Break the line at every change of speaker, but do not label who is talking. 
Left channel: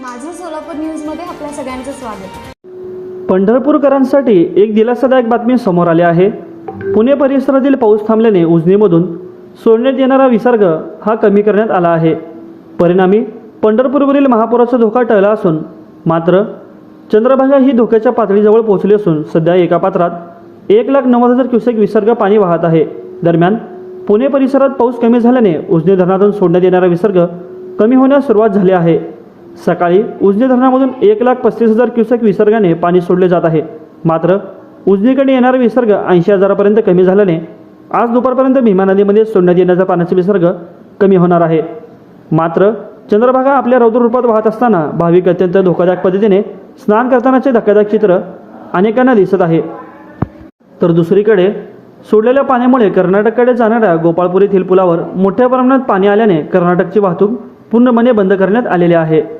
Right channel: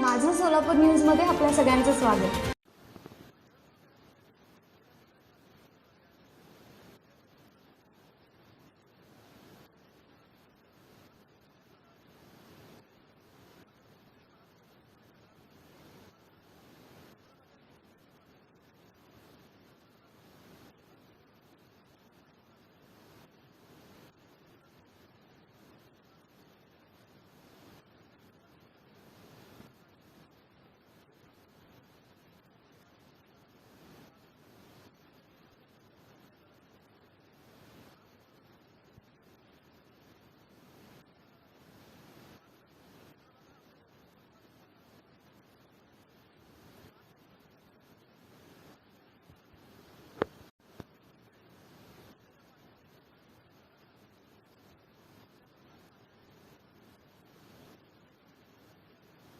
माझं सोलापूर न्यूजमध्ये आपल्या सगळ्यांचं स्वागत.
पंढरपूरकरांसाठी एक दिलासादायक बातमी समोर आली आहे. पुणे परिसरातील पाऊस थांबल्याने उजनीमधून सोडण्यात येणारा विसर्ग हा कमी करण्यात आला आहे. परिणामी पंढरपूरवरील महापुराचा धोका टळला असून मात्र चंद्रभागा ही धोक्याच्या पातळीजवळ पोहोचली असून सध्या एका पात्रात एक लाख नव्वद हजार क्युसेक विसर्ग पाणी वाहत आहे. दरम्यान पुणे परिसरात पाऊस कमी झाल्याने उजनी धरणातून सोडण्यात येणारा विसर्ग कमी होण्यास सुरुवात झाली आहे. सकाळी उजनी धरणामधून एक लाख पस्तीस हजार क्युसेक विसर्गाने पाणी सोडले जात आहे. मात्र उजनीकडे येणारा विसर्ग ऐंशी हजारापर्यंत कमी झाल्याने आज दुपारपर्यंत भीमा नदीमध्ये सोडण्यात येण्याचा पाण्याचा विसर्ग कमी होणार आहे. मात्र चंद्रभागा आपल्या रौद्र रूपात वाहत असताना भाविक अत्यंत धोकादायक पद्धतीने स्नान करतानाचे धक्कादायक चित्र अनेकांना दिसत आहे. तर दुसरीकडे सोडलेल्या पाण्यामुळे कर्नाटककडे जाणाऱ्या गोपाळपूर येथील पुलावर मोठ्या प्रमाणात पाणी आल्याने कर्नाटकची वाहतूक पूर्णपणे बंद करण्यात आलेली आहे.